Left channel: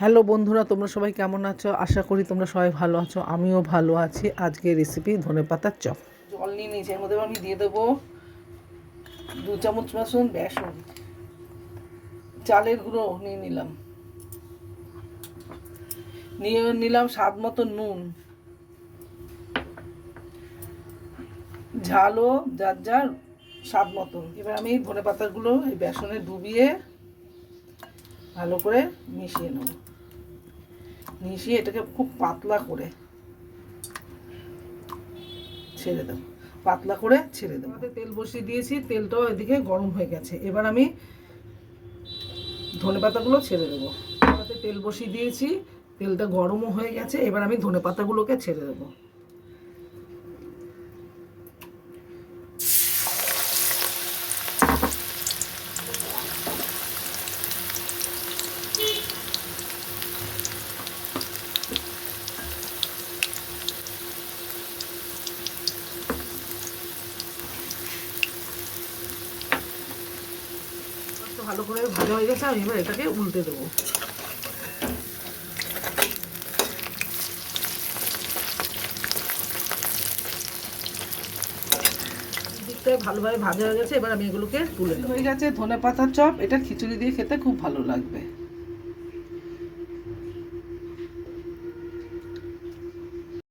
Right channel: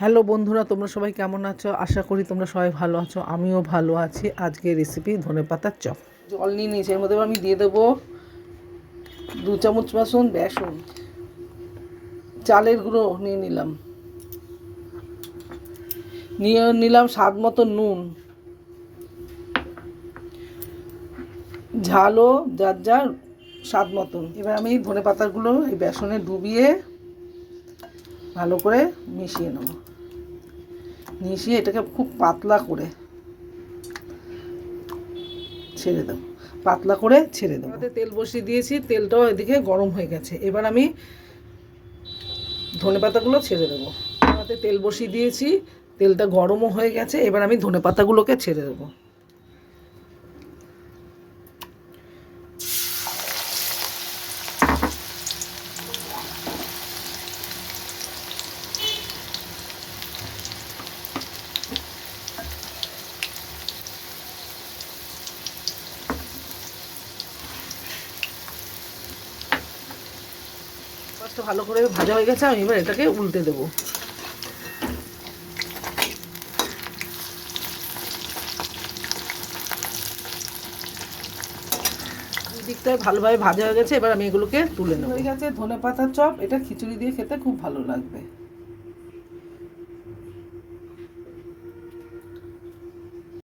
Hello বন্ধুরা, তোমরা সবাই কেমন আছো? আশা করি তোমরা সবাই ভালো আছো। আমিও ভালো আছি। আজকে রেসিপি ধনেপাতার চপ। জল নিয়ে নিয়েছি, এর মধ্যে আমি দিয়ে দেবো 2 চামচ বেসন, চালের গুঁড়ো নিয়ে নিলাম স্বাদ মতো নুন, ঝালও যার যার স্বাদ মতন। এবার আমি ধনেপাতাগুলো এই বেসনে ডুবিয়ে ভালো করে মিশিয়ে এটাকে খুব পাতলা করে ছেড়ে দেবো। তেল বসিয়ে দিয়েছি, তেলটাও এদিকে গরম হয়ে গেছে। এবার আমি ধনেপাতাগুলো ছেড়ে দেবো। তেল বসিয়ে দিয়েছি, তেলটা গরমও হয়ে গেছে। এবার আমি ধনেপাতাগুলোকে ছেড়ে দেবো। ভালো করে ভাজা হয়ে গেছে, আমি এবার এটাকে উল্টে দেবো। দিকটায় ভালোভাবে ভাজা হয়ে গেছে। এবার আমি এগুলোকে তুলে হয়ে গেছে ধনেপাতার চপ। এটা খিচুড়ি দিয়ে খেতে খুব ভালো লাগবে।